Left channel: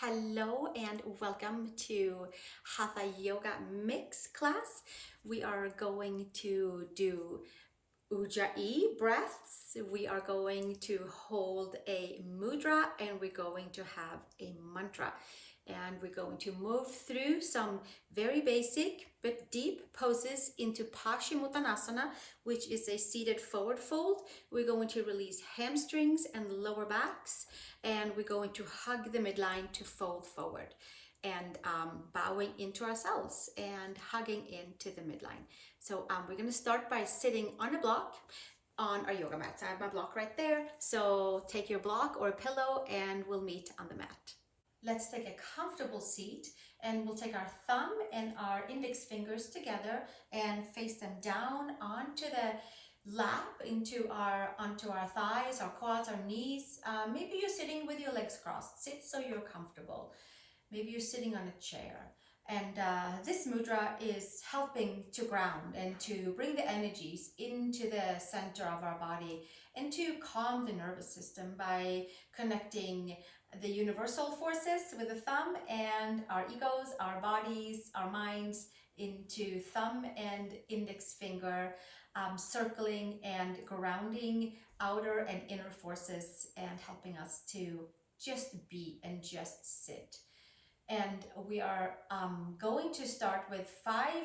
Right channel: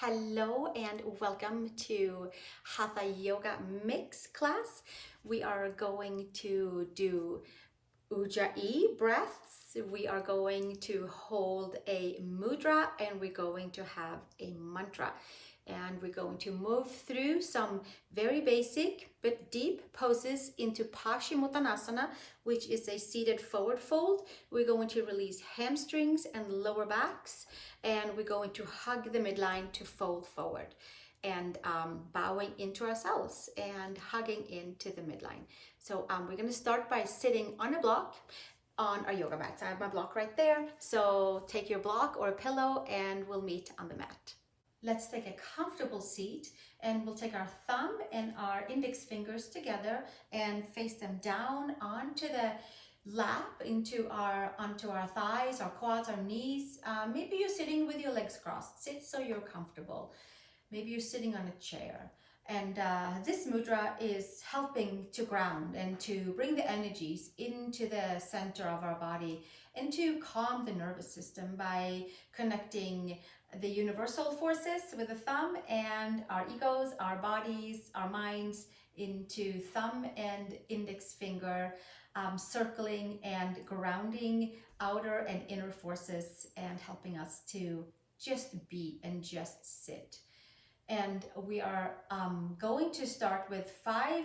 Hello and welcome to Hatha Yoga Mix class. We are going to do Ujjayi breaths. We are going to hold a mudra and we're going to have a mantra. And we're going to move through some very basic but deep poses into pachimottanasana, which is a seated forward fold. We're going to release hamstrings and lower backs, and we're going to hug the midline to fold forward and bowing into ourselves and hugging into the midline. So we're going to start by sitting on a block on our yoga mats. I have my block right there. So take your block or a pillow and we'll meet on the mat. Let's take a comfortable seat and we'll take our thumb and our index fingers together and face them down onto the lap, onto our thighs, our quads, our knees. Maybe you're sitting with your legs crossed. Sit so you're comfortable. Maybe you're sitting on a chair. And this mudra is helping to ground and to bring the energies into the center of our body and to calm the nervous system by connecting the universal forces with the thumb and our egos, our bodies, our minds into thumb and index finger, circling and grounding outer and inner forces and helping us to just be and just sit. And we are going to start with 5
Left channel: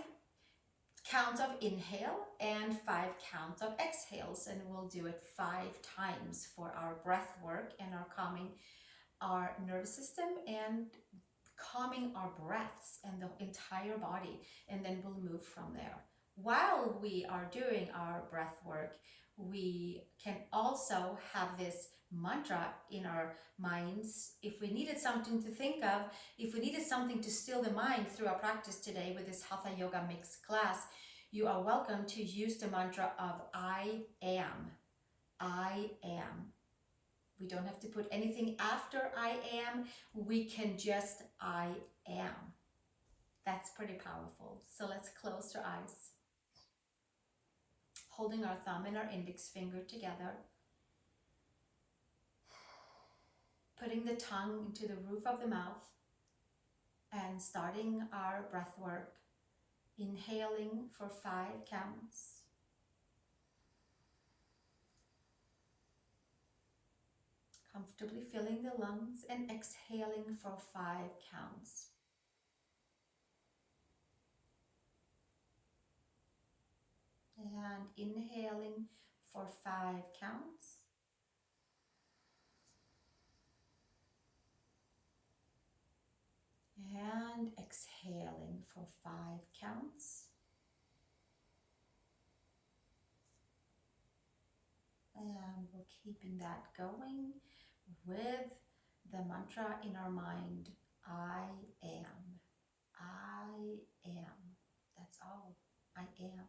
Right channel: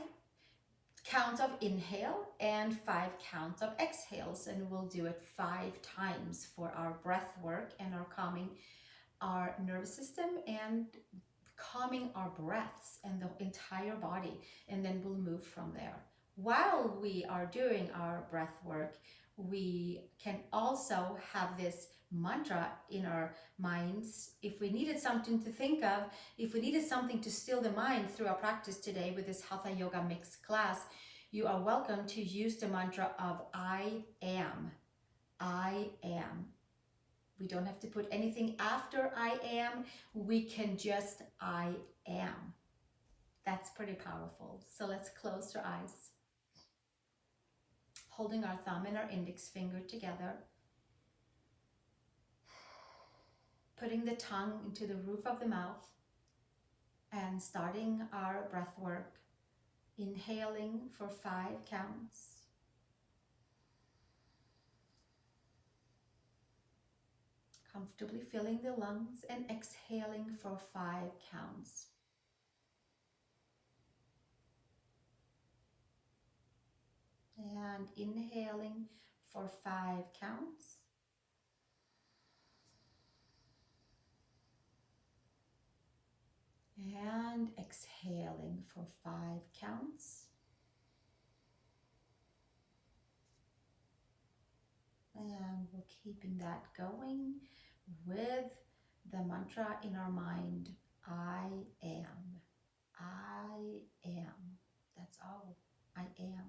counts of inhale and 5 counts of exhales, and we'll do it 5 times for our breath work and our calming our nervous system and calming our breaths and the entire body, and then we'll move from there. While we are doing our breath work, we can also have this mantra in our minds. If we needed something to think of, if we needed something to still the mind through our practice today with this Hatha Yoga Mix class, you are welcome to use the mantra of I am. I am. We don't have to put anything after I am. We can just I am. That's pretty powerful. So let's close our eyes. Holding our thumb and our index finger together. Putting the tongue into the roof of the mouth and starting our breath work. Inhaling for 5 counts. Comfortably filling the lungs and exhaling for 5 counts. And inhaling for 5 counts. And exhaling for 5 counts. And we're keeping that going with the mantra in our mind, I am. I am. That's all. I am.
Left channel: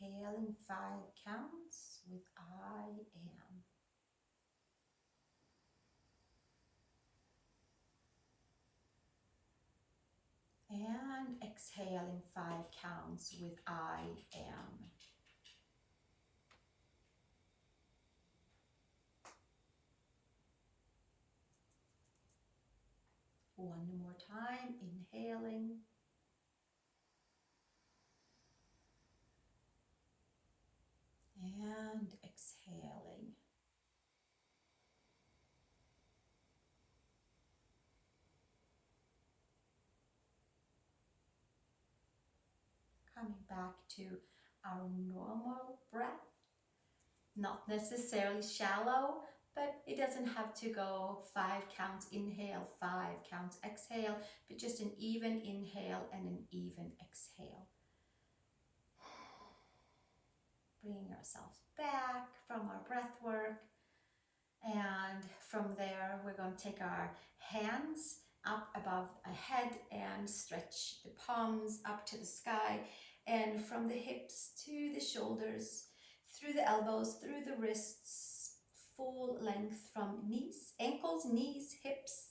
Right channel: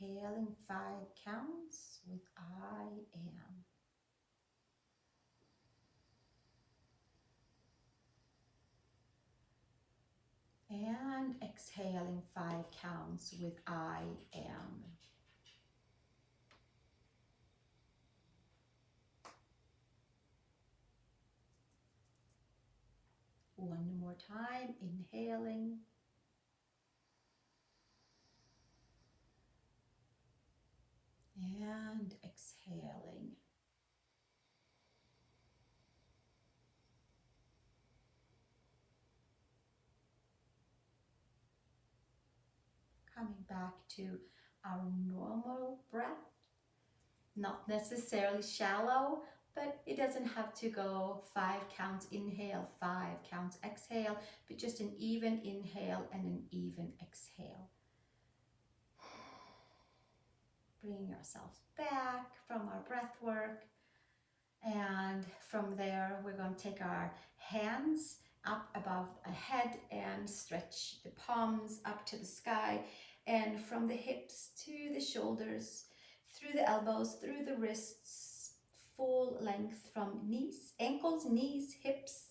Inhaling 5 counts with I am. And exhaling 5 counts with I am. One more time, inhaling. And exhaling. Coming back to our normal breath. Not necessarily shallow, but it doesn't have to go 5 counts inhale, 5 counts exhale, but just an even inhale and an even exhale. Bringing ourselves back from our breath work. And from there, we're going to take our hands up above our head and stretch the palms up to the sky. And from the hips to the shoulders, through the elbows, through the wrists, full length from knees, ankles, knees, hips,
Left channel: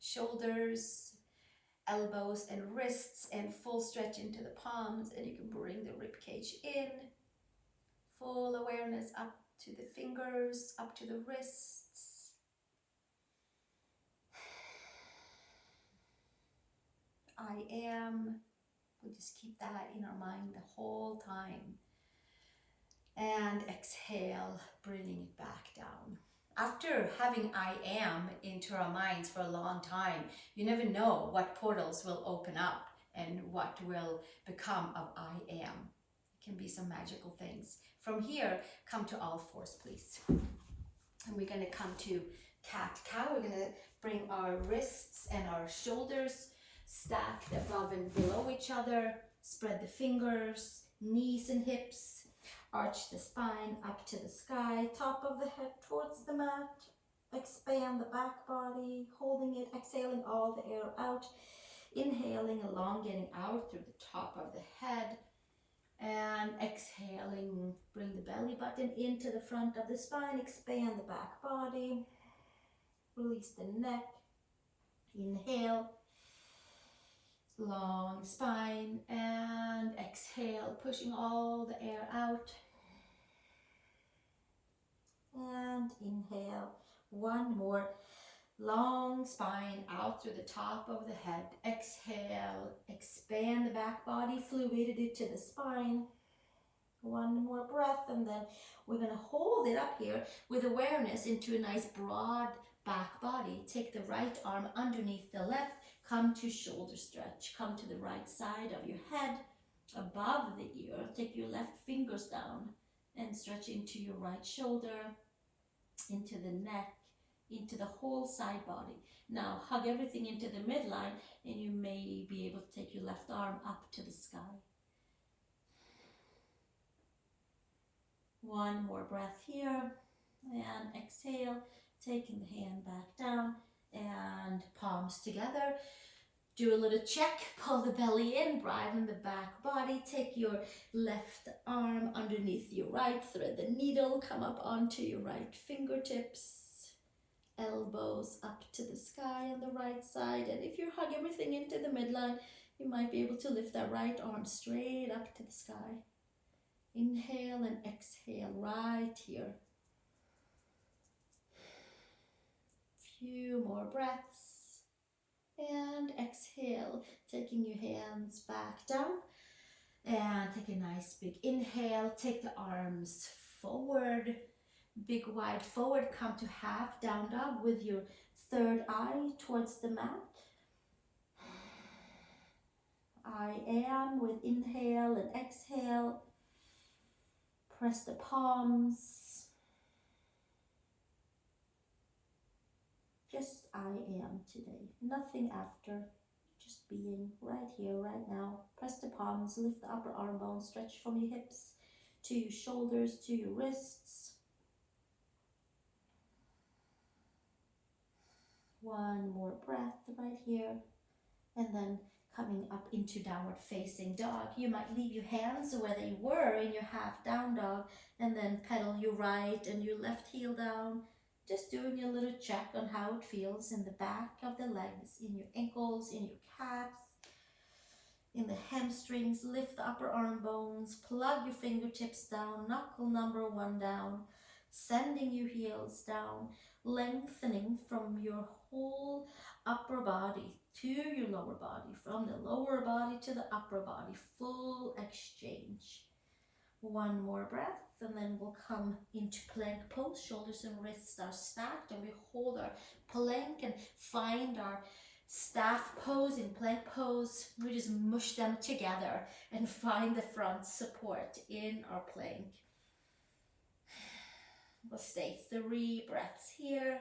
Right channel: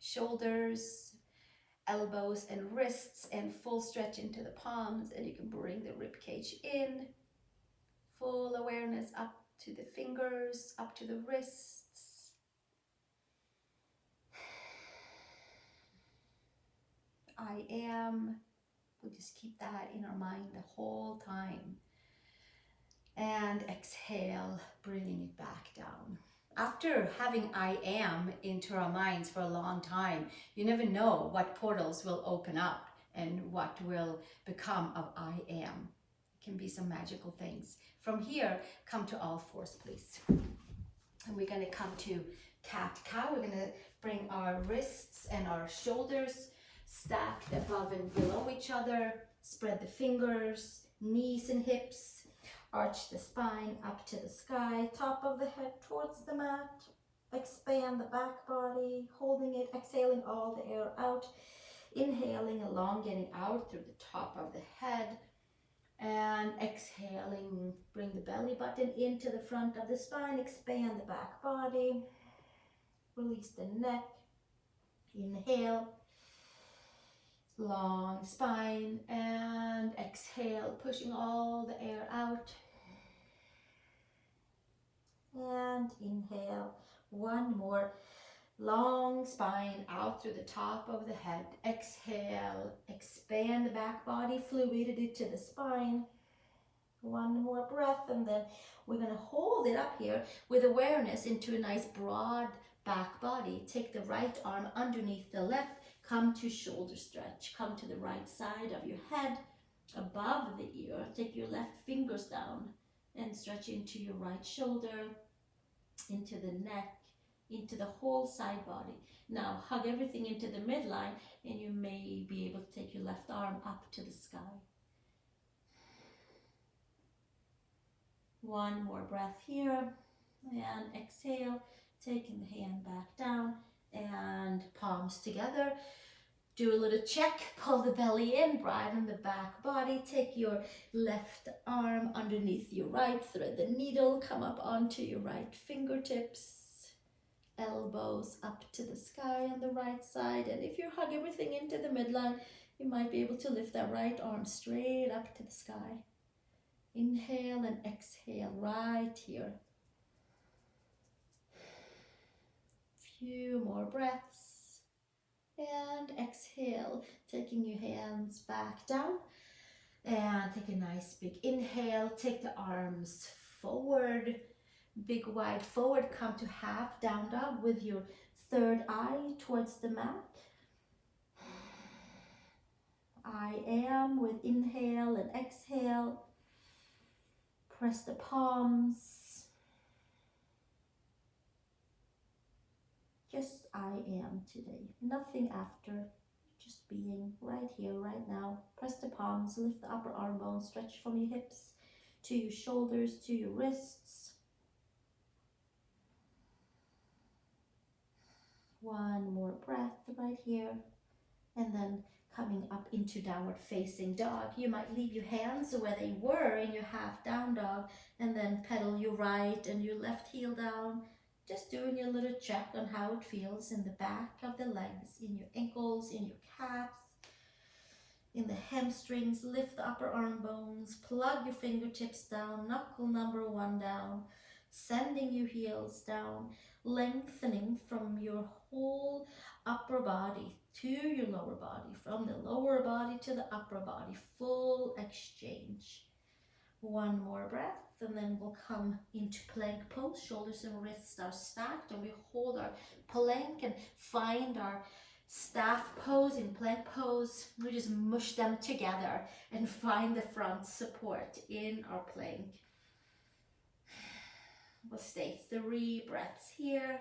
shoulders, elbows and wrists, and full stretch into the palms, and you can bring the rib cage in. Full awareness up to the fingers, up to the wrists. I am. We'll just keep that in our mind the whole time. And exhale, bringing it back down. After having I am into our minds for a long time, you never know what portals will open up and what will become of I am. It can be some magical things. From here, come to all fours, please. And we're going to come to cat-cow. We're going to bring our wrists and our shoulders stacked above and below each other. Spread the fingers, knees and hips. Arch the spine up to the sky, top of the head towards the mat. Expand the back body, holding it, exhaling all the air out. Inhaling, elongating out through the top of the head. And exhaling, bring the belly button into the front of the spine. Expand the back body. Release the neck. Inhale. Long spine. And exhale, pushing all the air out. And inhale, one more, long spine out through the top of the head. Exhale, expand the back body, fluidity to the spine. One more breath, and then we're going to hold it up here with awareness into a nice broad back body. Take the right arm underneath the left, come to shoulder stretch. Come to the right side of your head, above the ear. Take your left fingers down and stretch into your right shoulder, into the neck, into the whole side body. Now hug everything into the midline, and you may be able to take your left arm up to the sky. One more breath here, and exhale, taking the hand back down and palms together. Do a little check, pull the belly in, broaden the back body, take your left arm underneath your right, thread the needle, come up onto your right fingertips, elbows up to the sky on the right side, and if you hug everything into the midline, you might be able to lift that right arm straight up to the sky. Inhale and exhale right here. Few more breaths. And exhale, taking your hands back down. And take a nice big inhale. Take the arms forward. Big wide forward. Come to half down dog with your third eye towards the mat. I am with inhale and exhale. Press the palms. Just I am today, nothing after, just being right here, right now. Press the palms, lift the upper arm bones, stretch from your hips to your shoulders, to your wrists. One more breath right here, and then coming up into downward facing dog. You might leave your hands where they were in your half down dog, and then pedal your right and your left heel down. Just doing a little check on how it feels in the back of the legs, in your ankles, in your calves, in the hamstrings. Lift the upper arm bones, plug your fingertips down, knuckle number 1 down, sending your heels down, lengthening from your whole upper body to your lower body, from the lower body to the upper body, full exchange. One more breath, and then we'll come into plank pose. Shoulders and wrists are stacked, and we hold our plank and find our staff pose. In plank pose, we just mush them together and find the front support in our plank. We'll stay 3 breaths here.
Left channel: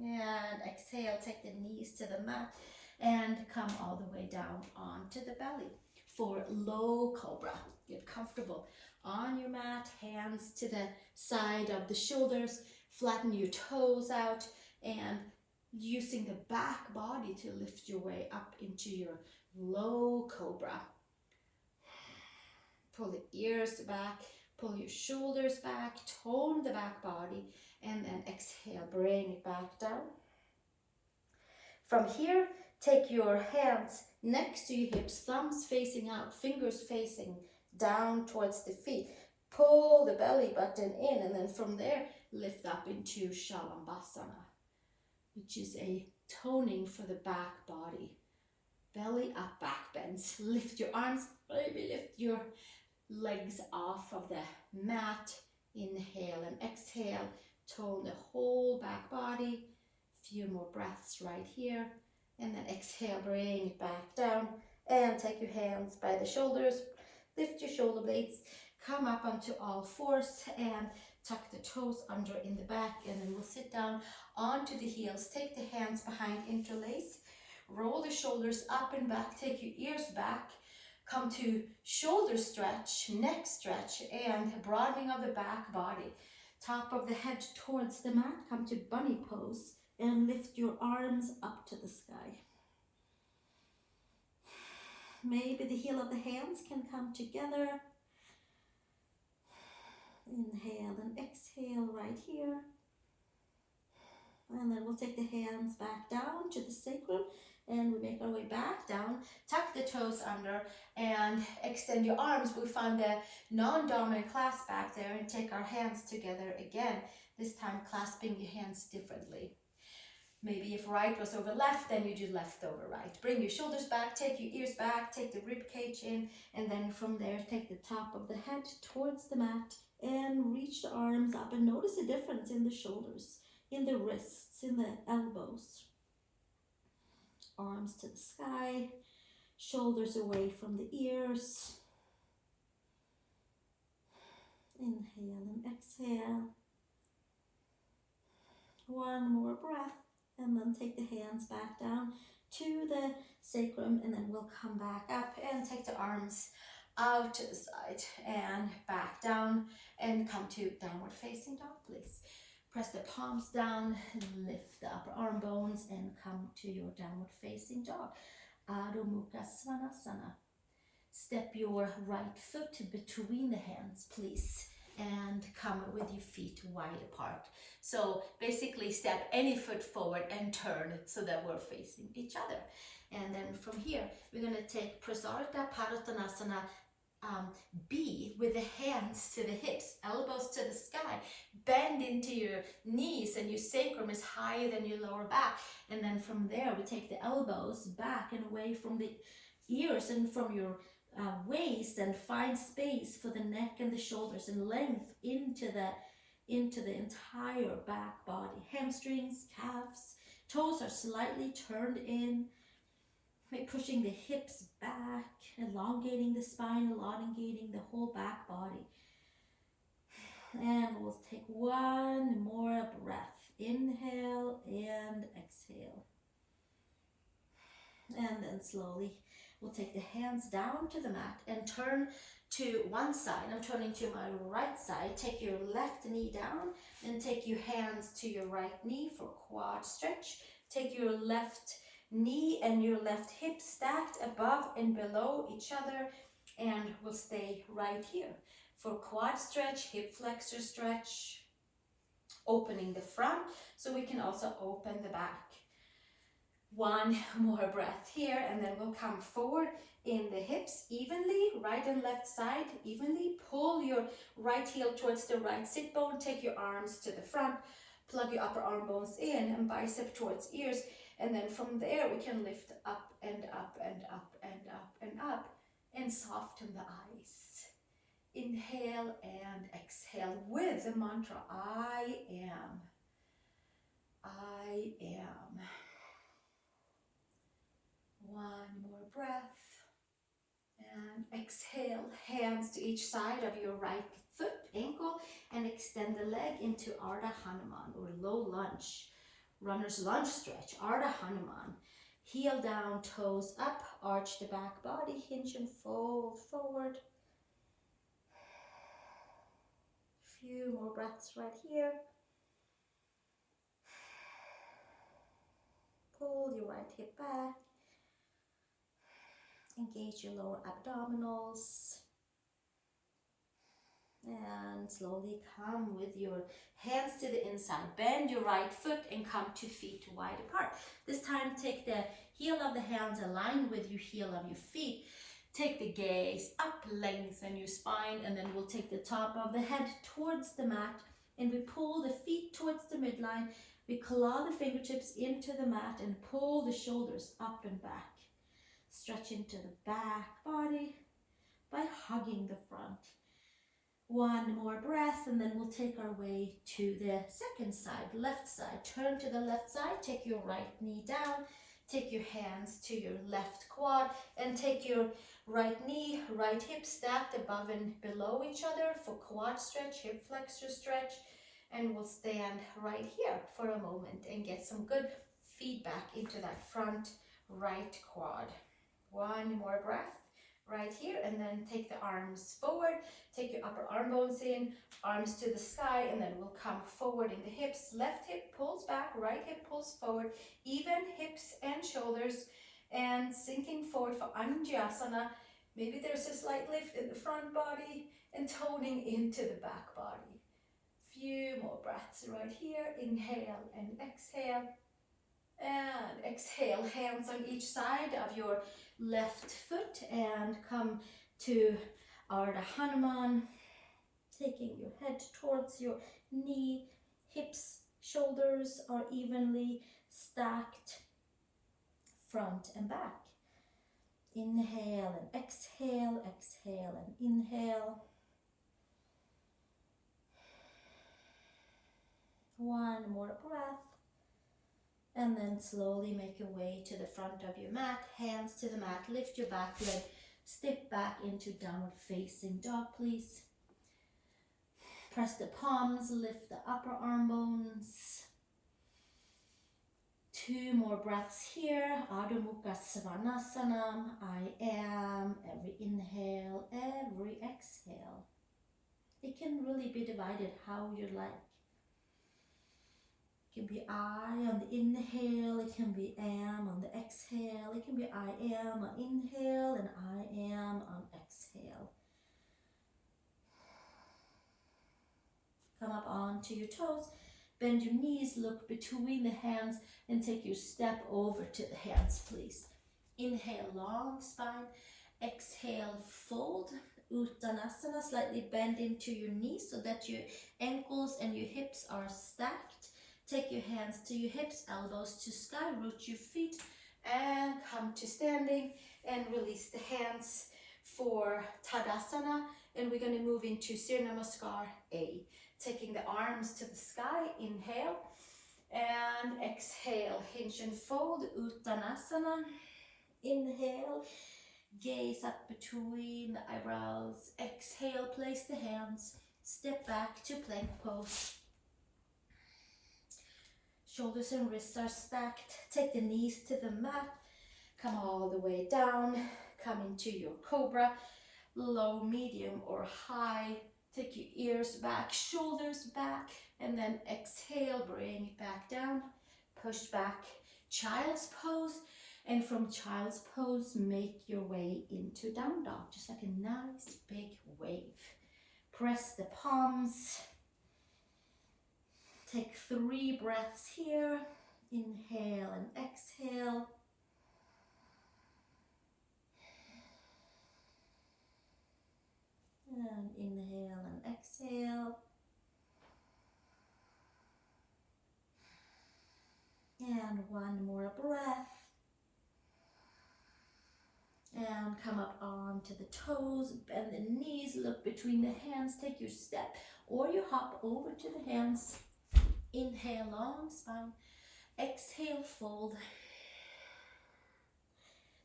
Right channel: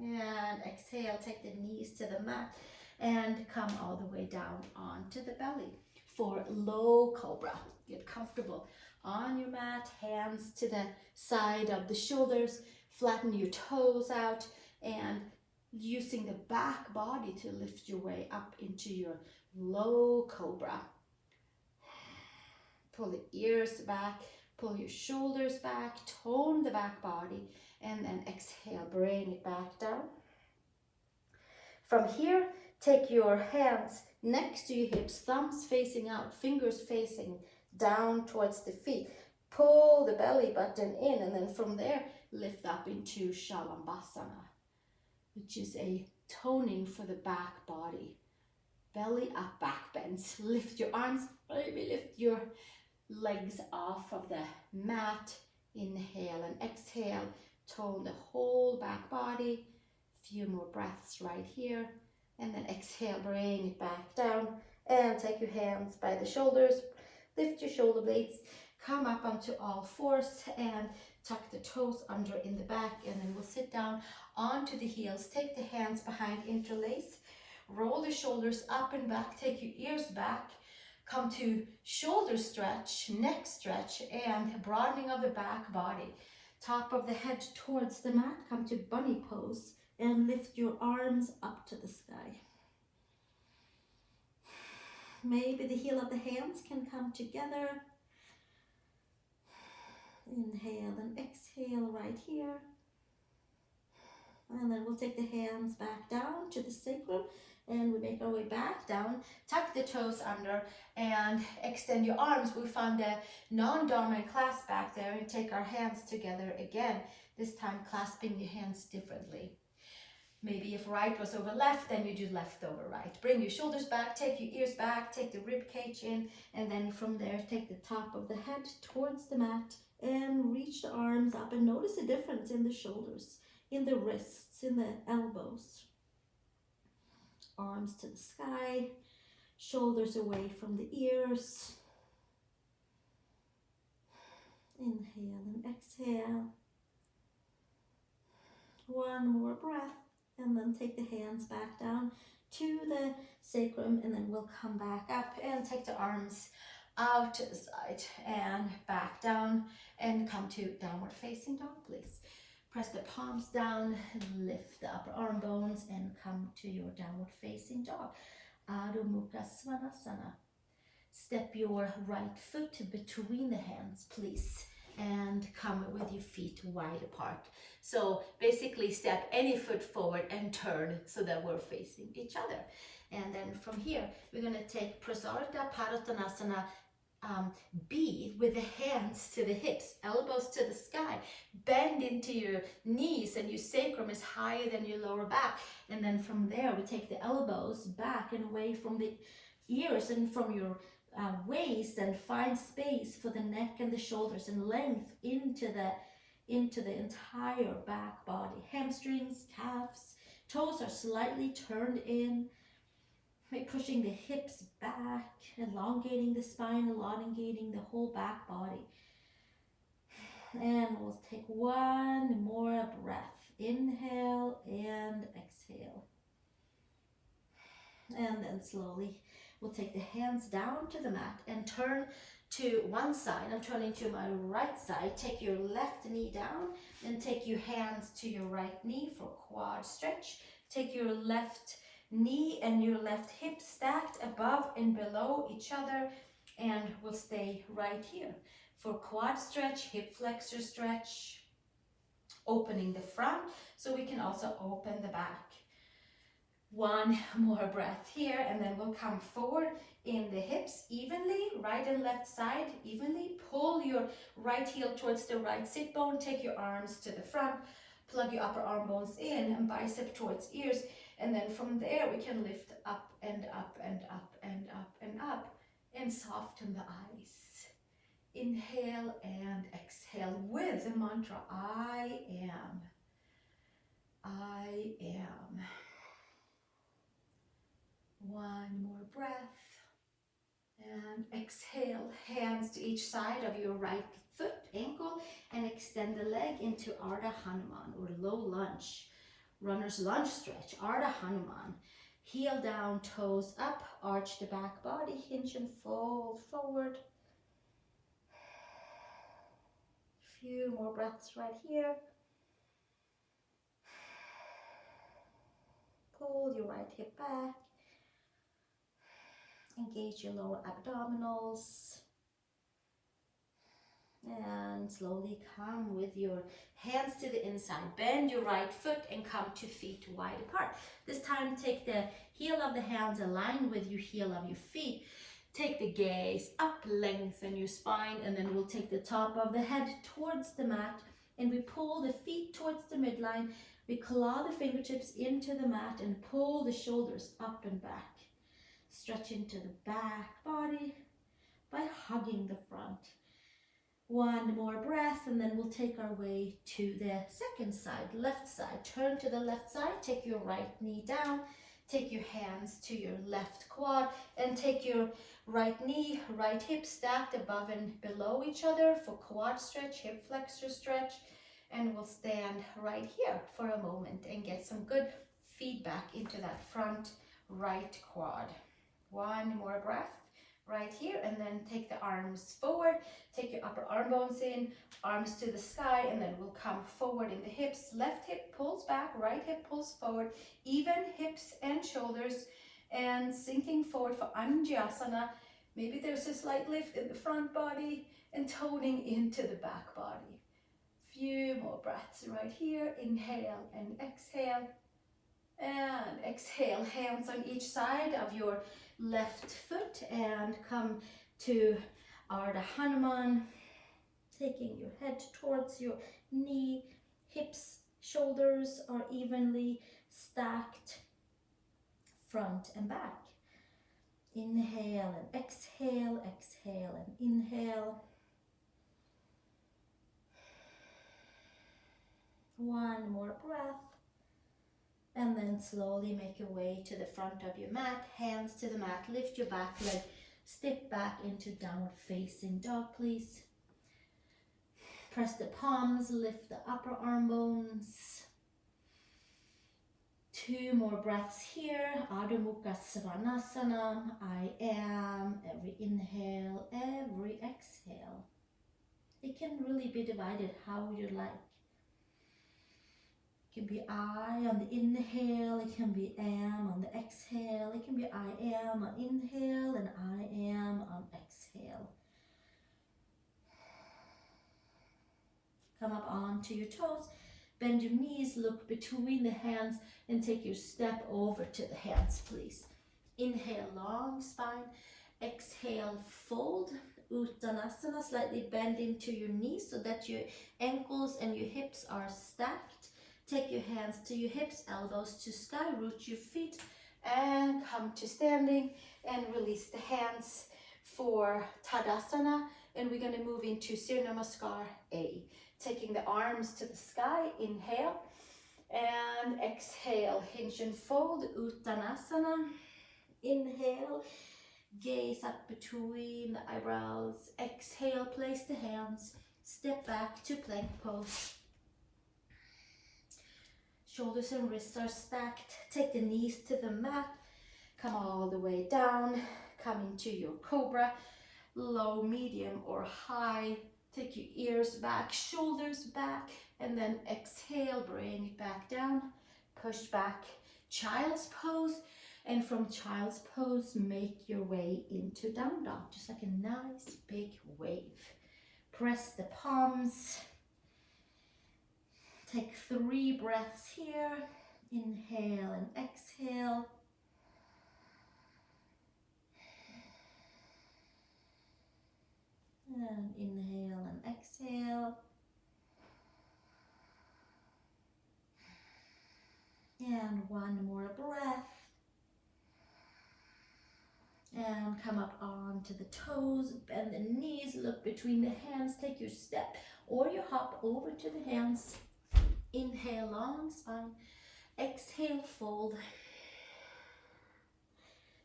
And exhale, take the knees to the mat and come all the way down onto the belly. For low cobra, get comfortable on your mat, hands to the side of the shoulders, flatten your toes out, and using the back body to lift your way up into your low cobra. Pull the ears back, pull your shoulders back, tone the back body, and then exhale, bring it back down. From here, take your hands next to your hips, thumbs facing out, fingers facing down towards the feet. Pull the belly button in, and then from there, lift up into Shalabasana, which is a toning for the back body. Belly up, back bends. Lift your arms, maybe lift your legs off of the mat. Inhale and exhale, tone the whole back body. Few more breaths right here, and then exhale, bring it back down, and take your hands by the shoulders, lift your shoulder blades, come up onto all fours, and tuck the toes under in the back, and then we'll sit down onto the heels. Take the hands behind, interlace, roll the shoulders up and back, take your ears back, come to shoulder stretch, neck stretch, and broadening of the back body. Top of the head towards the mat, come to bunny pose, and lift your arms up to the sky. Maybe the heel of the hands can come together. Inhale and exhale right here. And then we'll take the hands back down to the sacrum, and we make our way back down. Tuck the toes under and extend your arms. We find the non-dominant clasp back there and take our hands together again, this time clasping your hands differently. Maybe if right was over left, then you do left over right. Bring your shoulders back, take your ears back, take the rib cage in, and then from there, take the top of the head towards the mat and reach the arms up, and notice the difference in the shoulders, in the wrists, in the elbows. Arms to the sky, shoulders away from the ears. Inhale and exhale. One more breath, and then take the hands back down to the sacrum, and then we'll come back up and take the arms out to the side and back down, and come to downward facing dog, please. Press the palms down, lift the upper arm bones, and come to your downward facing dog. Adho Mukha Svanasana. Step your right foot between the hands, please, and come with your feet wide apart. So basically step any foot forward and turn so that we're facing each other. And then from here, we're going to take Prasarita Padottanasana B with the hands to the hips, elbows to the sky. Bend into your knees, and your sacrum is higher than your lower back. And then from there, we take the elbows back and away from the ears and from your waist, and find space for the neck and the shoulders, and length into the entire back body. Hamstrings, calves, toes are slightly turned in. Maybe pushing the hips back, elongating the spine, elongating the whole back body. And we'll take one more breath. Inhale and exhale. And then slowly we'll take the hands down to the mat and turn to one side. I'm turning to my right side. Take your left knee down and take your hands to your right knee for quad stretch. Take your left knee and your left hip stacked above and below each other, and we'll stay right here for quad stretch, hip flexor stretch, opening the front so we can also open the back. One more breath here, and then we'll come forward in the hips evenly, right and left side evenly. Pull your right heel towards the right sit bone, take your arms to the front, plug your upper arm bones in and bicep towards ears. And then from there, we can lift up and up and up and up and up, and soften the eyes. Inhale and exhale with the mantra, I am. I am. One more breath. And exhale, hands to each side of your right foot, ankle, and extend the leg into Urdhva Hanuman, or low lunge. Runner's lunge stretch, Urdhva Hanuman. Heel down, toes up, arch the back body, hinge and fold forward. Few more breaths right here. Pull your right hip back. Engage your lower abdominals. And slowly come with your hands to the inside. Bend your right foot and come 2 feet wide apart. This time take the heel of the hands aligned with your heel of your feet. Take the gaze up, lengthen your spine, and then we'll take the top of the head towards the mat, and we pull the feet towards the midline. We claw the fingertips into the mat and pull the shoulders up and back. Stretch into the back body by hugging the front. One more breath, and then we'll take our way to the second side, left side. Turn to the left side, take your right knee down, take your hands to your left quad, and take your right knee, right hip stacked above and below each other for quad stretch, hip flexor stretch. And we'll stand right here for a moment and get some good feedback into that front right quad. One more breath right here, and then take the arms forward, take your upper arm bones in, arms to the sky, and then we'll come forward in the hips. Left hip pulls back, right hip pulls forward, even hips and shoulders, and sinking forward for Anjaneyasana. Maybe there's a slight lift in the front body and toning into the back body. Few more breaths right here. Inhale and exhale. And exhale, hands on each side of your left foot, and come to Urdhva Hanuman, taking your head towards your knee. Hips, shoulders are evenly stacked, front and back. Inhale and exhale, exhale and inhale. One more breath. And then slowly make your way to the front of your mat, hands to the mat, lift your back leg, step back into downward facing dog, please. Press the palms, lift the upper arm bones. 2 more breaths here. Adho Mukha Svanasana. I am. Every inhale, every exhale. It can really be divided how you like. It can be I on the inhale, it can be am on the exhale, it can be I am on inhale and I am on exhale. Come up onto your toes, bend your knees, look between the hands, and take your step over to the hands, please. Inhale, long spine. Exhale, fold. Uttanasana, slightly bend into your knees so that your ankles and your hips are stacked. Take your hands to your hips, elbows to sky, root your feet, and come to standing, and release the hands for Tadasana. And we're going to move into Suruya Namaskar A. Taking the arms to the sky, inhale, and exhale, hinge and fold, Uttanasana. Inhale, gaze up between the eyebrows. Exhale, place the hands, step back to plank pose. Shoulders and wrists are stacked. Take the knees to the mat. Come all the way down. Come into your Cobra. Low, medium, or high. Take your ears back, shoulders back. And then exhale, bring it back down. Push back, child's pose. And from child's pose, make your way into down dog. Just like a nice big wave. Press the palms. Take 3 breaths here. Inhale and exhale. And inhale and exhale. And one more breath. And come up onto the toes, bend the knees, look between the hands, take your step or you hop over to the hands. Inhale, long spine. Exhale, fold.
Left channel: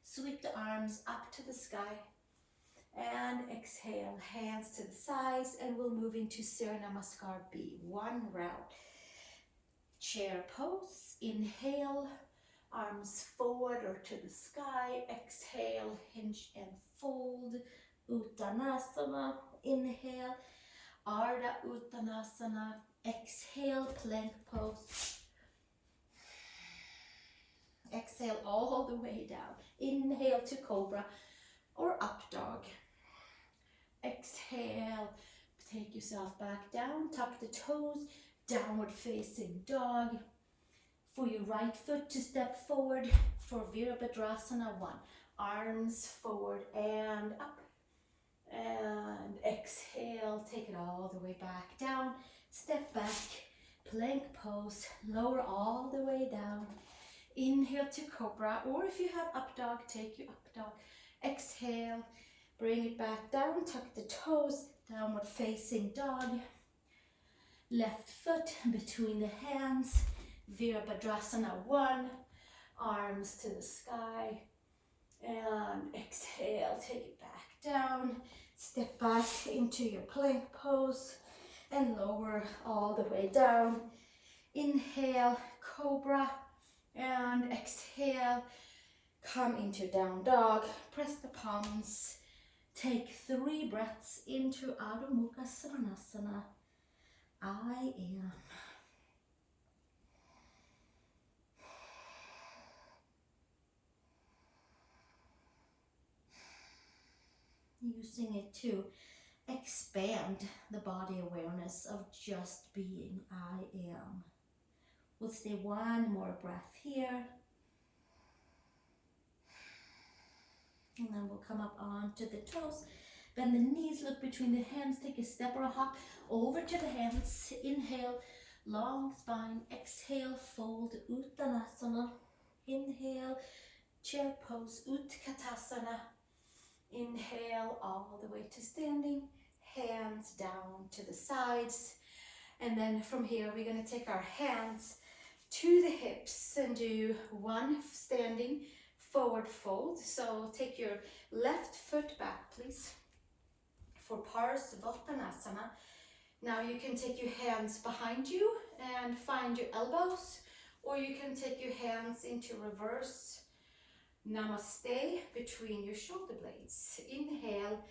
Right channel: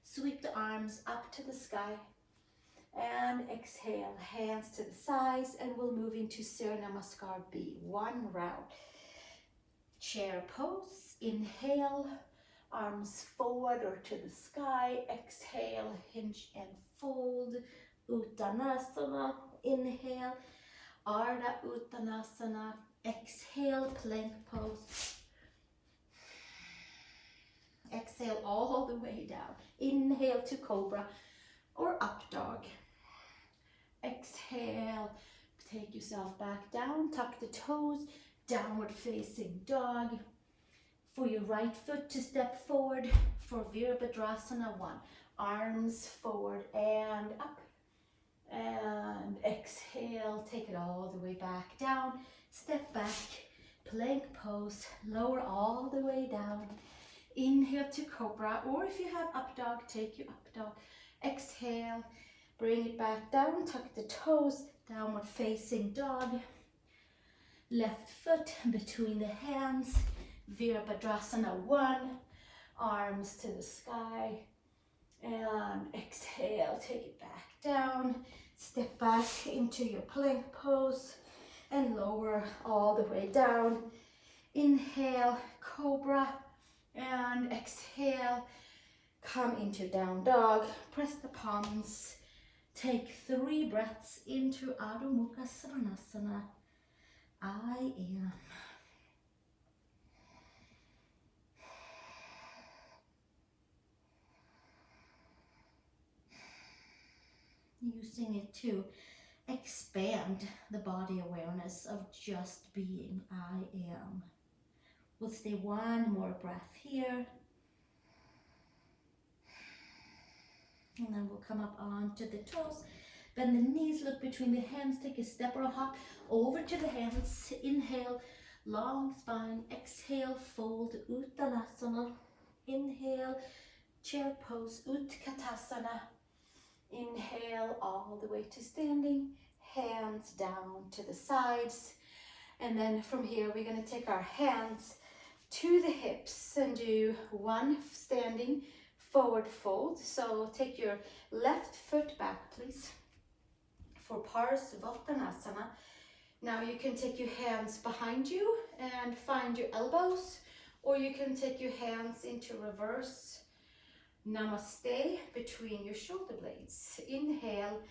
Sweep the arms up to the sky. And exhale, hands to the sides, and we'll move into Suruya Namaskar B. 1 round. Chair pose. Inhale, arms forward or to the sky. Exhale, hinge and fold. Uttanasana. Inhale, Ardha Uttanasana. Exhale, plank pose. Exhale all the way down. Inhale to Cobra or up dog. Exhale, take yourself back down, tuck the toes, downward facing dog. For your right foot to step forward for Virabhadrasana 1. Arms forward and up. And exhale, take it all the way back down. Step back, plank pose, lower all the way down. Inhale to Cobra, or if you have up dog, take your up dog. Exhale, bring it back down, tuck the toes, downward facing dog. Left foot between the hands. Virabhadrasana 1, arms to the sky, and exhale, take it back down, step back into your plank pose, and lower all the way down. Inhale, Cobra, and exhale, come into down dog, press the palms, take 3 breaths into Adho Mukha Svanasana, I am. Using it to expand the body awareness of just being I am. We'll stay 1 more breath here. And then we'll come up onto the toes. Bend the knees, look between the hands, take a step or a hop over to the hands. Inhale, long spine. Exhale, fold, Uttanasana. Inhale, chair pose, Utkatasana. Inhale all the way to standing, hands down to the sides. And then from here, we're going to take our hands to the hips and do 1 standing forward fold. So take your left foot back, please, for Parsvottanasana. Now you can take your hands behind you and find your elbows, or you can take your hands into reverse Namaste between your shoulder blades. Inhale,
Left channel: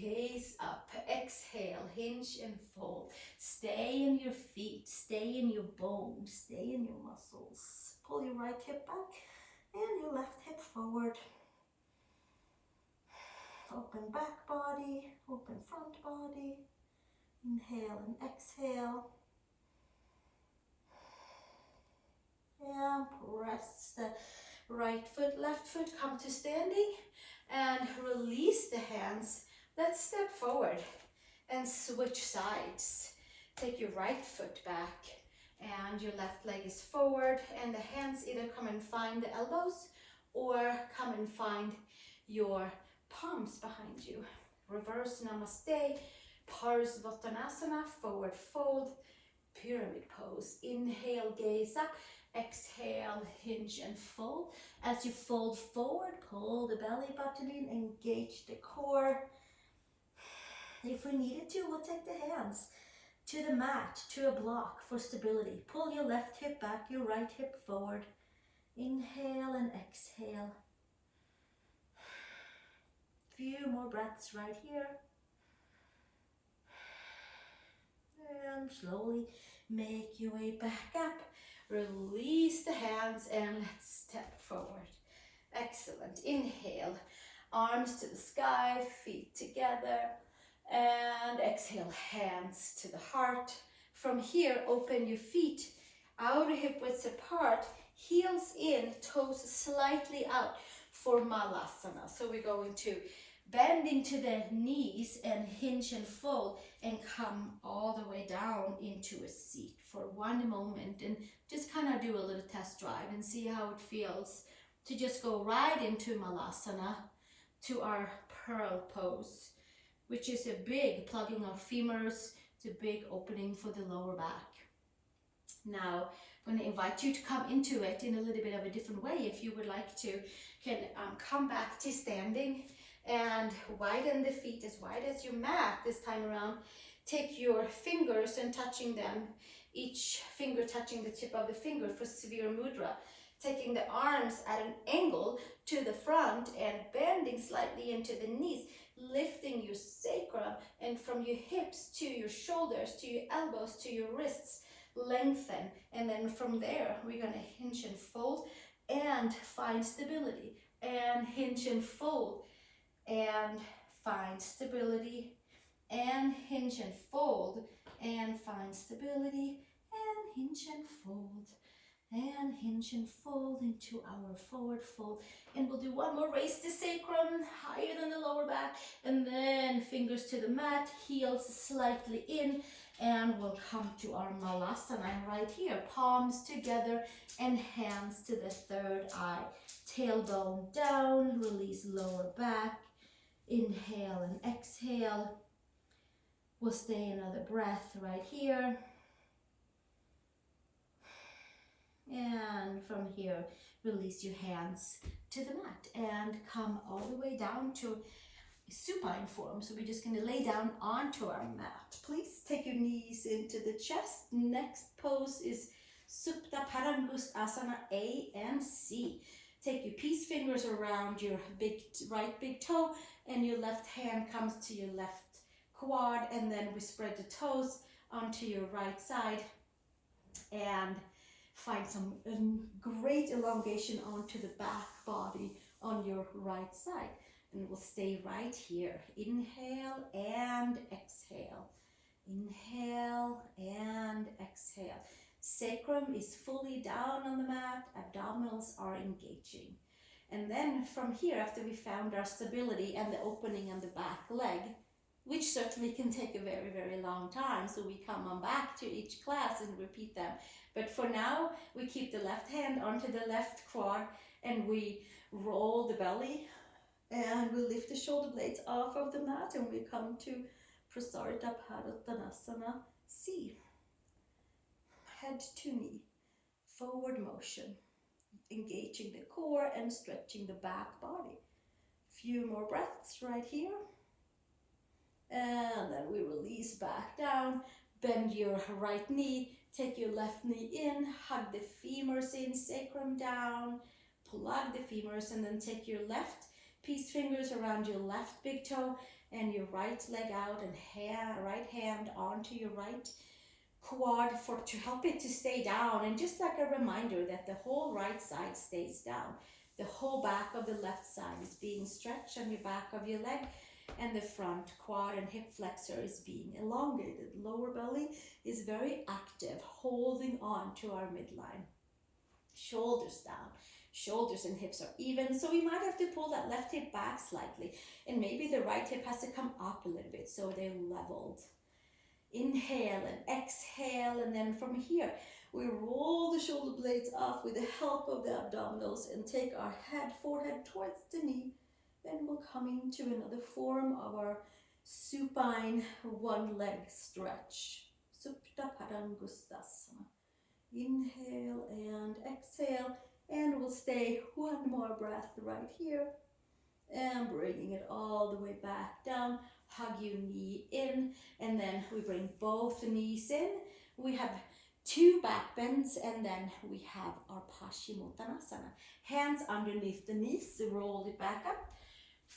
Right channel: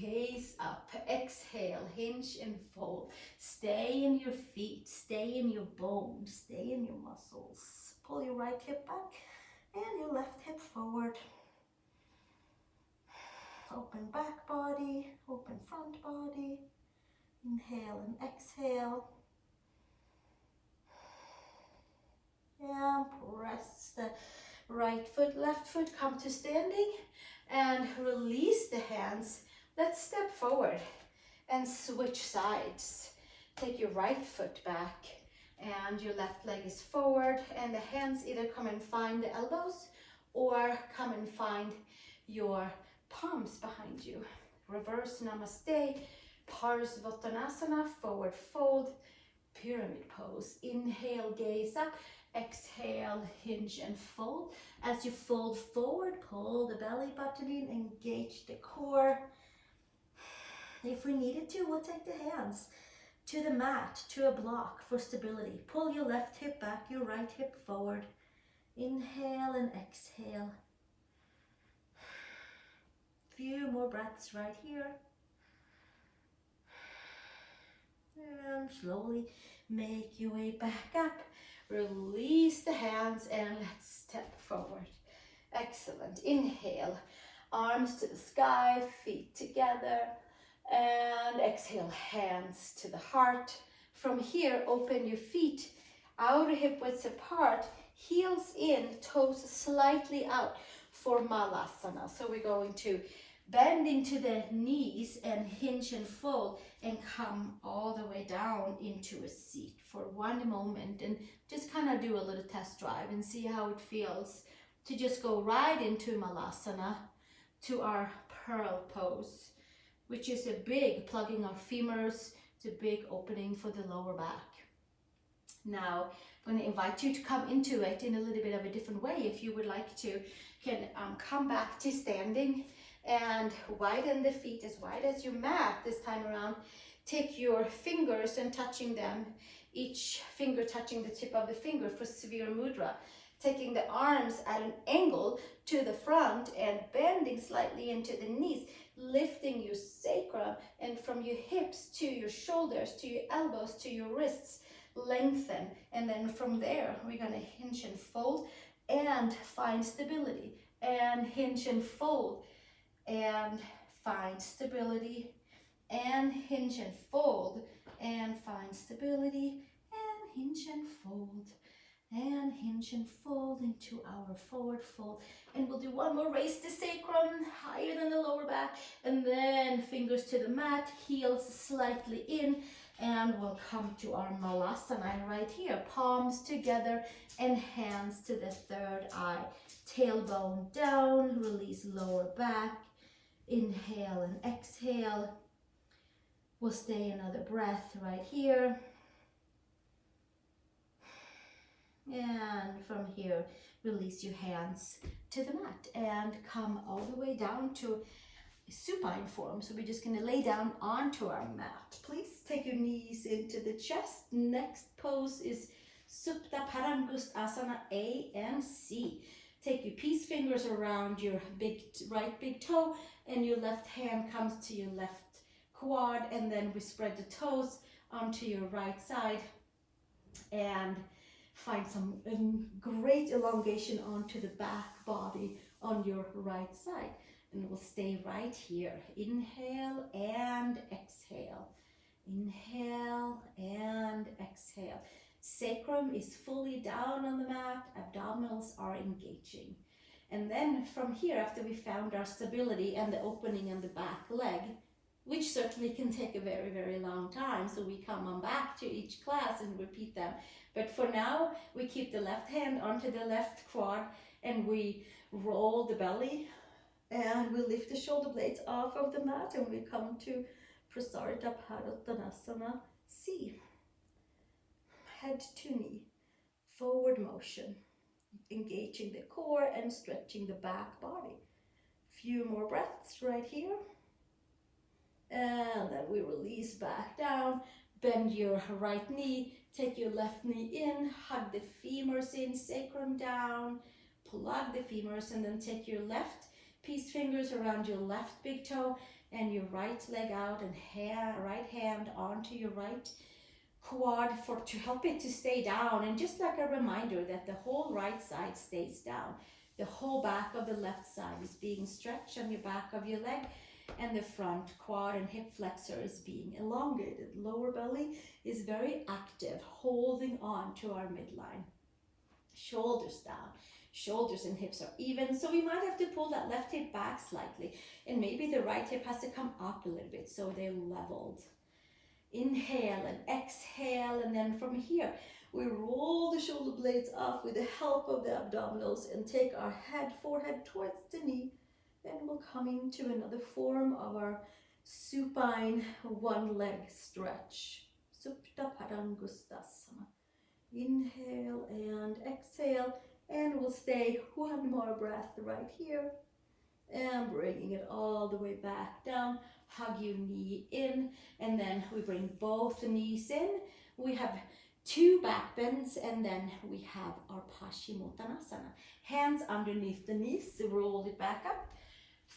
gaze up. Exhale, hinge and fold. Stay in your feet, stay in your bones, stay in your muscles. Pull your right hip back and your left hip forward. Open back body, open front body. Inhale and exhale. And press the right foot, left foot, come to standing and release the hands. Let's step forward and switch sides. Take your right foot back and your left leg is forward, and the hands either come and find the elbows or come and find your palms behind you. Reverse Namaste, Parsvottanasana, forward fold, pyramid pose. Inhale, gaze up. Exhale, hinge and fold. As you fold forward, pull the belly button in, engage the core. If we needed to, we'll take the hands to the mat, to a block for stability. Pull your left hip back, your right hip forward. Inhale and exhale. Few more breaths right here. And slowly make your way back up. Release the hands and let's step forward. Excellent. Inhale, arms to the sky, feet together. And exhale, hands to the heart. From here, open your feet, outer hip widths apart, heels in, toes slightly out for Malasana. So we're going to bend into the knees and hinge and fold and come all the way down into a seat for 1 moment, and just kind of do a little test drive and see how it feels to just go right into Malasana, to our pearl pose, which is a big plugging of femurs. It's a big opening for the lower back. Now, I'm going to invite you to come into it in a little bit of a different way. If you would like to, can come back to standing and widen the feet as wide as your mat this time around. Take your fingers and touching them, each finger touching the tip of the finger for Suruya Mudra. Taking the arms at an angle to the front and bending slightly into the knees, lifting your sacrum, and from your hips to your shoulders, to your elbows, to your wrists, lengthen. And then from there, we're going to hinge and fold and find stability, and hinge and fold and find stability and hinge and fold, and find stability, and hinge and fold, and hinge and fold into our forward fold. And we'll do one more. Raise the sacrum higher than the lower back, and then fingers to the mat, heels slightly in, and we'll come to our Malasana right here. Palms together and hands to the third eye. Tailbone down, release lower back. Inhale and exhale. We'll stay another breath right here. And from here, release your hands to the mat and come all the way down to supine form. So we're just going to lay down onto our mat. Please take your knees into the chest. Next pose is Supta Padangustasana A and C. Take your peace fingers around your right big toe, and your left hand comes to your left quad, and then we spread the toes onto your right side and find some great elongation onto the back body on your right side. And we'll stay right here. Inhale and exhale. Inhale and exhale. Sacrum is fully down on the mat. Abdominals are engaging. And then from here, after we found our stability and the opening on the back leg, which certainly can take a very, very long time, so we come on back to each class and repeat them. But for now, we keep the left hand onto the left quad, and we roll the belly, and we lift the shoulder blades off of the mat, and we come to Prasarita Padottanasana C. Head to knee, forward motion, engaging the core and stretching the back body. Few more breaths right here. And then we release back down, bend your right knee, take your left knee in, hug the femurs in, sacrum down, plug the femurs, and then take your left peace fingers around your left big toe and your right leg out, and right hand onto your right quad to help it to stay down. And just like a reminder that the whole right side stays down. The whole back of the left side is being stretched on your back of your leg, and the front quad and hip flexor is being elongated. Lower belly is very active, holding on to our midline. Shoulders down. Shoulders and hips are even, so we might have to pull that left hip back slightly, and maybe the right hip has to come up a little bit so they're leveled. Inhale and exhale, and then from here we roll the shoulder blades off with the help of the abdominals and take our forehead towards the knee. Then we'll come into another form of our supine one leg stretch. Supta Padangustasana. Inhale and exhale, and we'll stay one more breath right here. And bringing it all the way back down. Hug your knee in, and then we bring both knees in. We have 2 back bends, and then we have our pachimottanasana. Hands underneath the knees, roll it back up.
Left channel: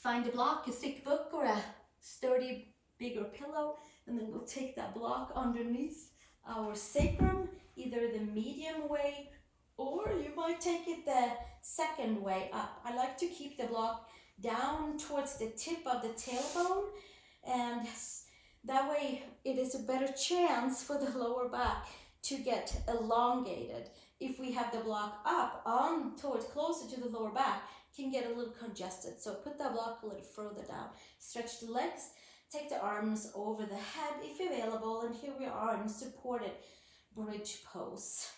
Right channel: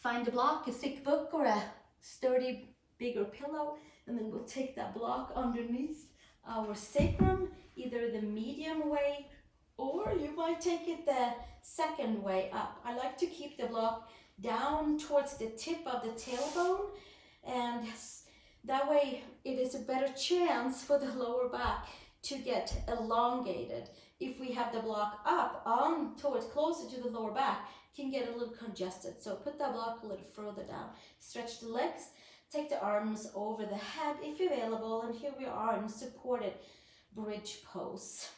Find a block, a thick book or a sturdy, bigger pillow, and then we'll take that block underneath our sacrum, either the medium way, or you might take it the second way up. I like to keep the block down towards the tip of the tailbone, and that way it is a better chance for the lower back to get elongated. If we have the block up on towards closer to the lower back, can get a little congested. So put that block a little further down. Stretch the legs, take the arms over the head if available, and here we are in supported bridge pose.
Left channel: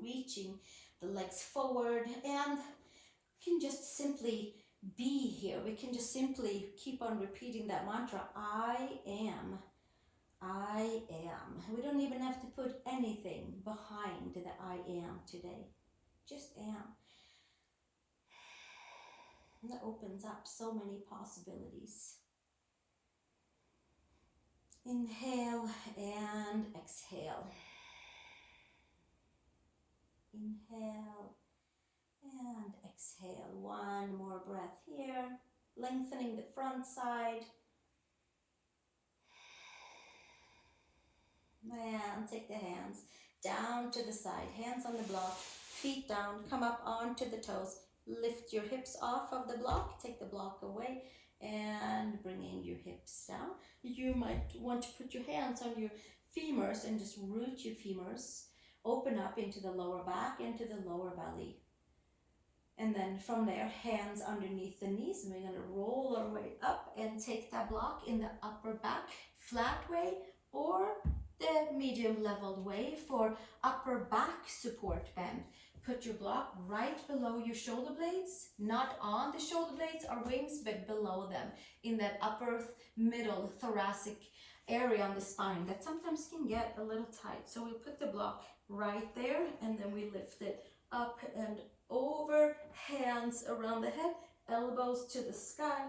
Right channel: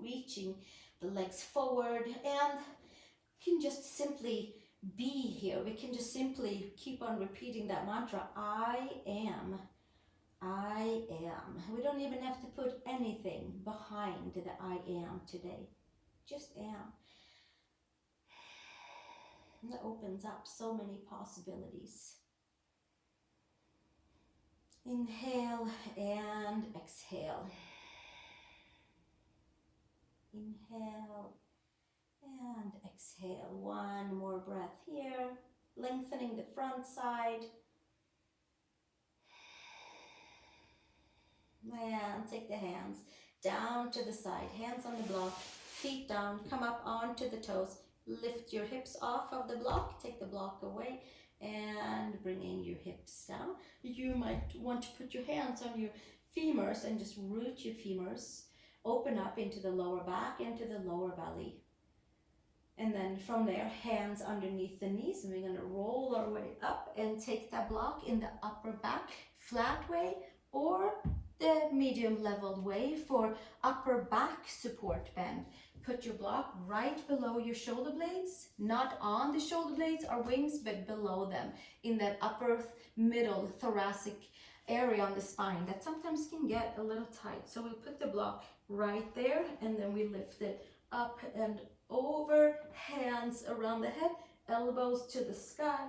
Reaching the legs forward, and we can just simply be here. We can just simply keep on repeating that mantra, I am. I am. We don't even have to put anything behind the I am today. Just am. And that opens up so many possibilities. Inhale and exhale. Inhale and exhale. One more breath here. Lengthening the front side. And take the hands down to the side. Hands on the block. Feet down. Come up onto the toes. Lift your hips off of the block. Take the block away. and bringing your hips down. You might want to put your hands on your femurs and just root your femurs. Open up into the lower back, into the lower belly. And then from there, hands underneath the knees, and we're going to roll our way up and take that block in the upper back, flat way, or the medium leveled way for upper back support bend. Put your block right below your shoulder blades, not on the shoulder blades or wings, but below them, in that upper middle thoracic area on the spine that sometimes can get a little tight. So we'll put the block right there, and then we lift it up and over, hands around the head, elbows to the sky,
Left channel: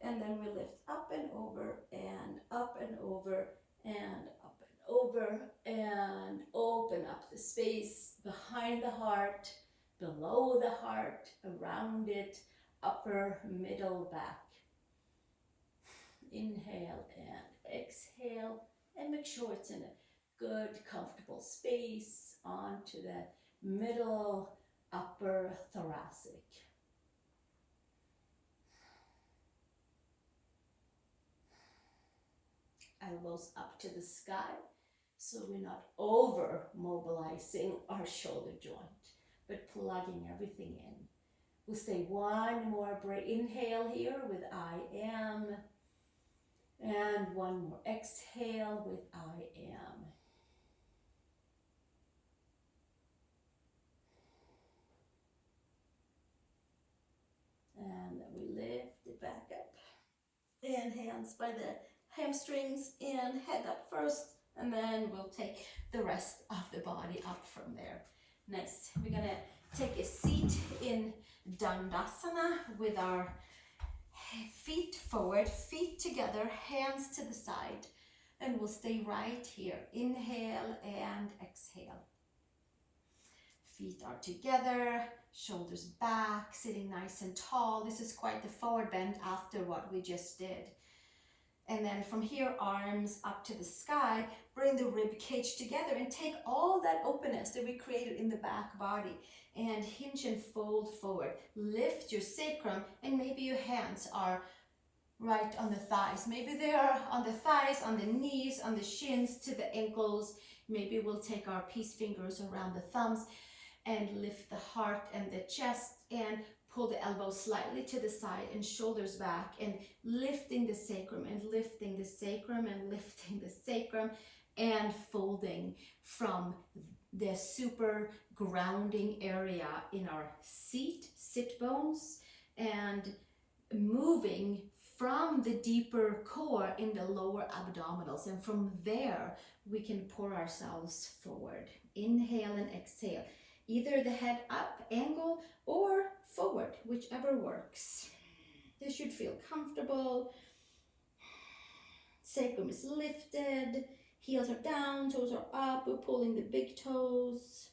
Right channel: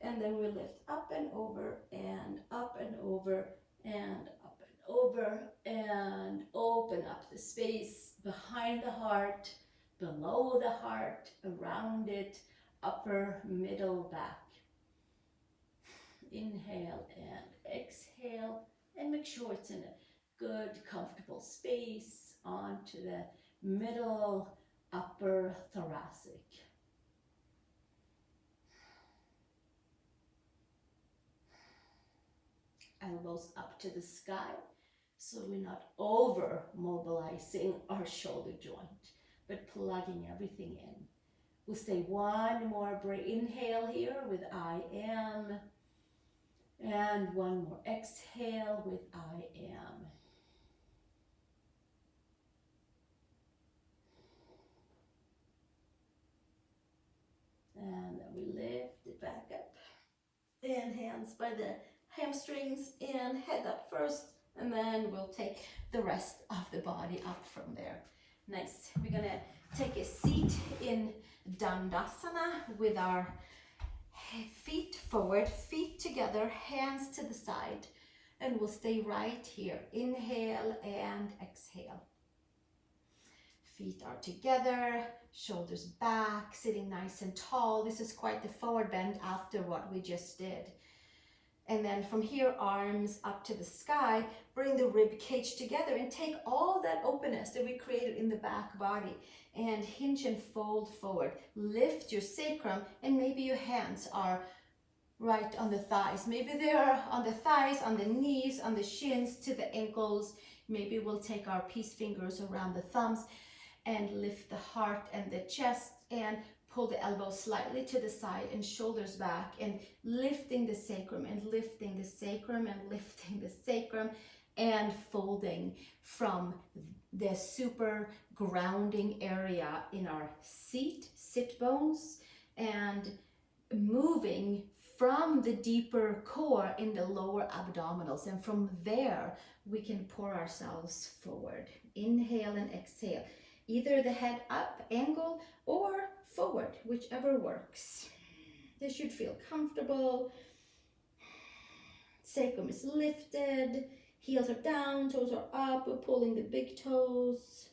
and then we lift up and over and up and over and up and over, and open up the space behind the heart, below the heart, around it, upper, middle, back. Inhale and exhale, and make sure it's in a good, comfortable space onto the middle, upper thoracic. Elbows up to the sky, so we're not over mobilizing our shoulder joint, but plugging everything in. We'll stay one more breath. Inhale here with I am, and one more exhale with I am. And then we lift it back up. And hands by the hamstrings and head up first. And then we'll take the rest of the body up from there. Nice. We're going to take a seat in Dandasana with our feet forward, feet together, hands to the side. And we'll stay right here. Inhale and exhale. Feet are together, shoulders back, sitting nice and tall. This is quite the forward bend after what we just did. And then from here, arms up to the sky, bring the rib cage together and take all that openness that we created in the back body and hinge and fold forward. Lift your sacrum, and maybe your hands are right on the thighs. Maybe they are on the thighs, on the knees, on the shins, to the ankles. Maybe we'll take our peace fingers around the thumbs and lift the heart and the chest and pull the elbows slightly to the side and shoulders back, and lifting the sacrum and lifting the sacrum and lifting the sacrum, and folding from the super grounding area in our sit bones, and moving from the deeper core in the lower abdominals. And from there, we can pour ourselves forward. Inhale and exhale. Either the head up angle or forward, whichever works. This should feel comfortable. Sacrum is lifted, heels are down, toes are up. We're pulling the big toes.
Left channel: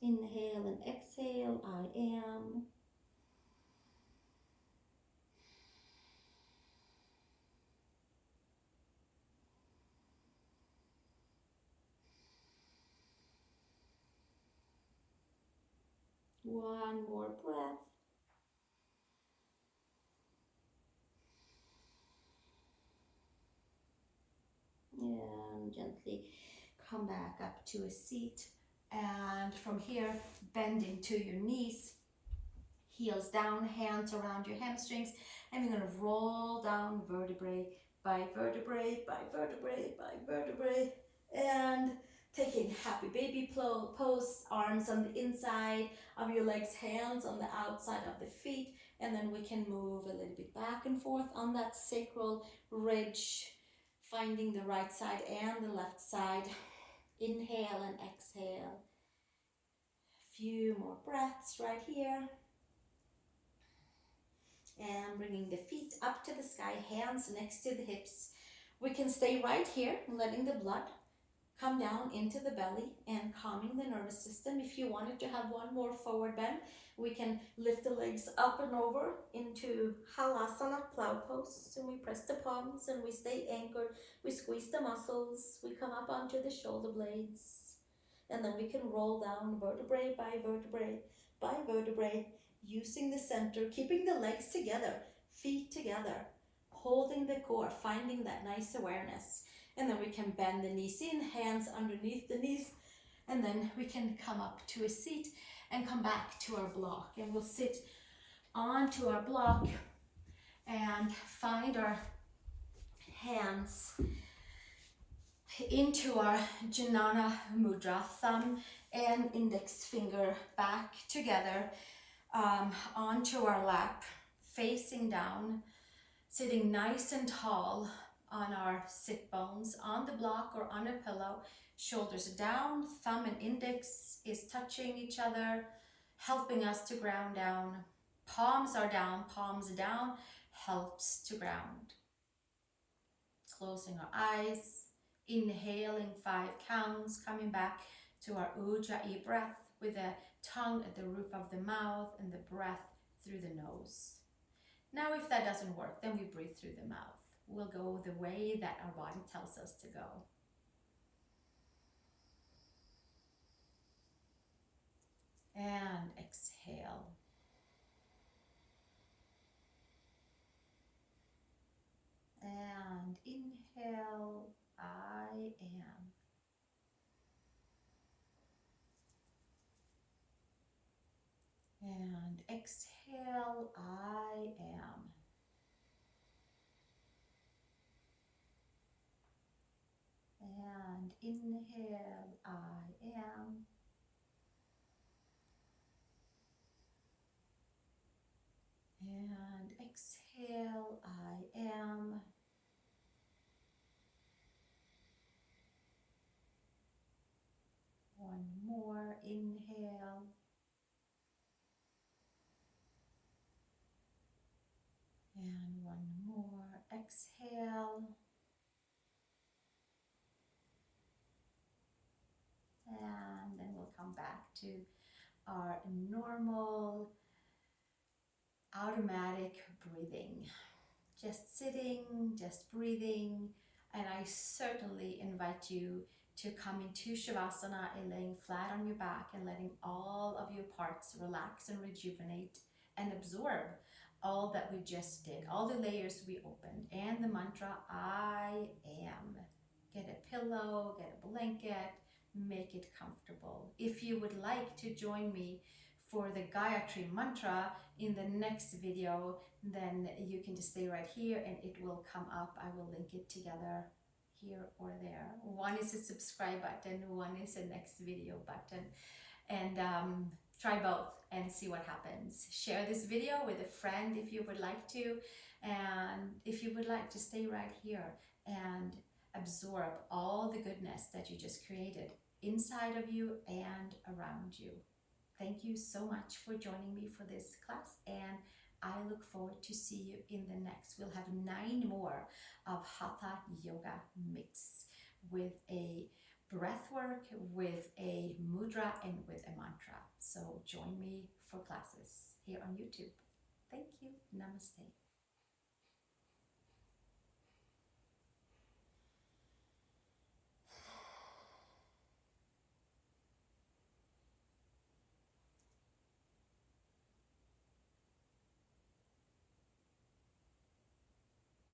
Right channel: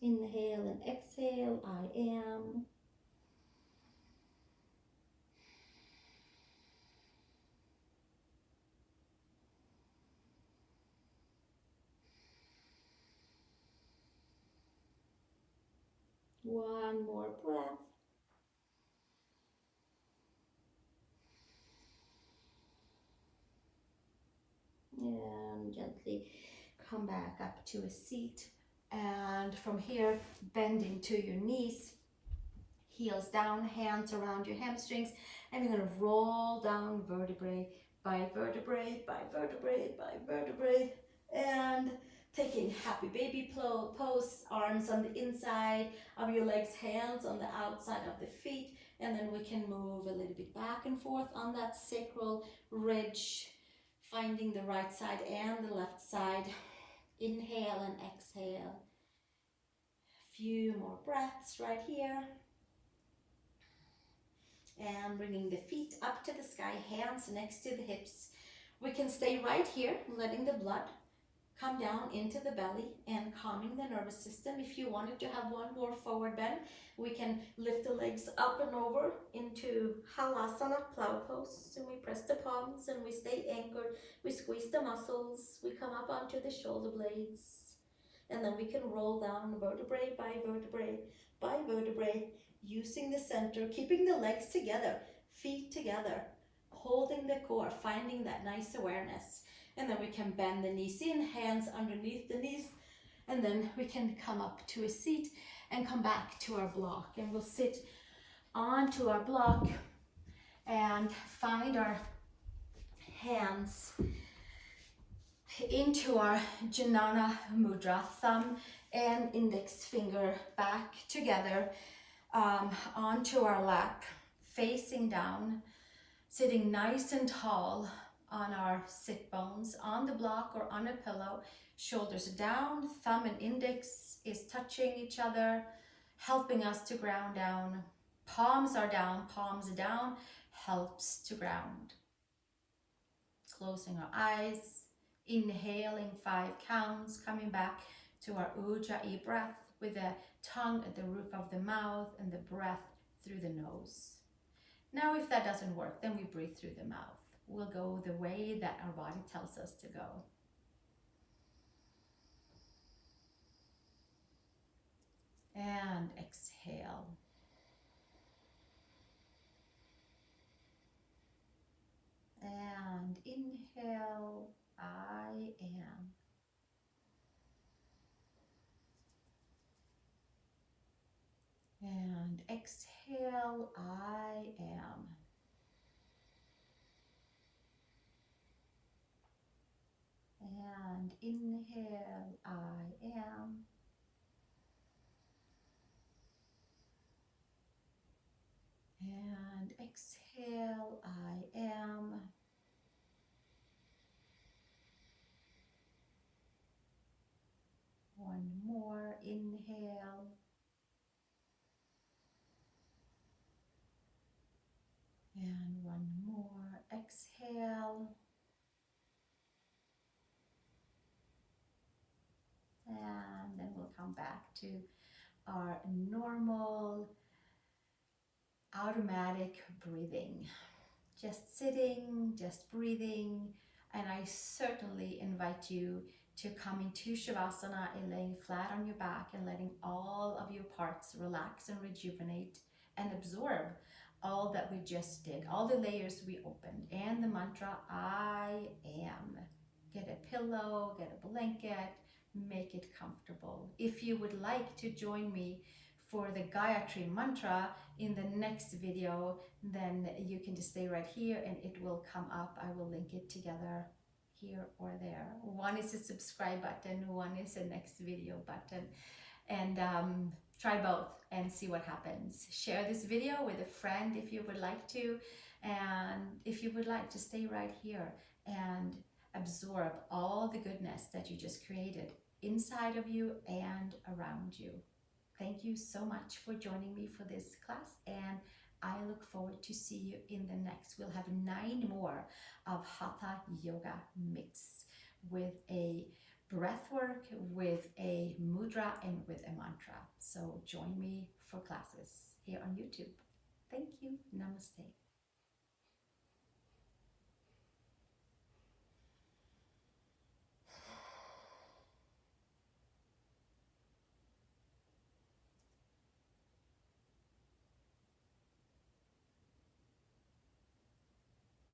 Inhale and exhale, I am. One more breath. And gently come back up to a seat. And from here, bending to your knees, heels down, hands around your hamstrings. And we're going to roll down vertebrae by vertebrae by vertebrae by vertebrae. And taking happy baby pose, arms on the inside of your legs, hands on the outside of the feet. And then we can move a little bit back and forth on that sacral ridge, finding the right side and the left side. Inhale and exhale. A few more breaths right here. And bringing the feet up to the sky, hands next to the hips. We can stay right here, letting the blood come down into the belly and calming the nervous system. If you wanted to have one more forward bend, we can lift the legs up and over into Halasana, plow pose. And we press the palms and we stay anchored. We squeeze the muscles. We come up onto the shoulder blades. And then we can roll down vertebrae by vertebrae by vertebrae. using the center, keeping the legs together, feet together, holding the core, finding that nice awareness. And then we can bend the knees in, hands underneath the knees, and then we can come up to a seat and come back to our block. And we'll sit onto our block and find our hands into our Jnana Mudra, thumb and index finger back together onto our lap, facing down, sitting nice and tall on our sit bones, on the block or on a pillow, shoulders down, thumb and index is touching each other, helping us to ground down. Palms are down, palms down, helps to ground. Closing our eyes, inhaling 5 counts, coming back to our Ujjayi breath with the tongue at the roof of the mouth and the breath through the nose. Now, if that doesn't work, then we breathe through the mouth. We'll go the way that our body tells us to go. And exhale. And inhale, I am. And exhale, I am. And inhale, I am. And exhale, I am. One more, inhale. And one more, exhale. And then we'll come back to our normal automatic breathing. Just sitting, just breathing. And I certainly invite you to come into Shavasana and laying flat on your back and letting all of your parts relax and rejuvenate and absorb all that we just did, all the layers we opened, and the mantra, I am. Get a pillow, get a blanket, make it comfortable. If you would like to join me for the Gayatri mantra in the next video, then you can just stay right here and it will come up. I will link it together here or there. One is a subscribe button, one is a next video button. And try both and see what happens. Share this video with a friend if you would like to. And if you would like to stay right here and absorb all the goodness that you just created inside of you and around you. Thank you so much for joining me for this class, and I look forward to see you in the next. We'll have 9 more of Hatha Yoga mix with a breath work, with a mudra, and with a mantra. So join me for classes here on YouTube. Thank you. Namaste.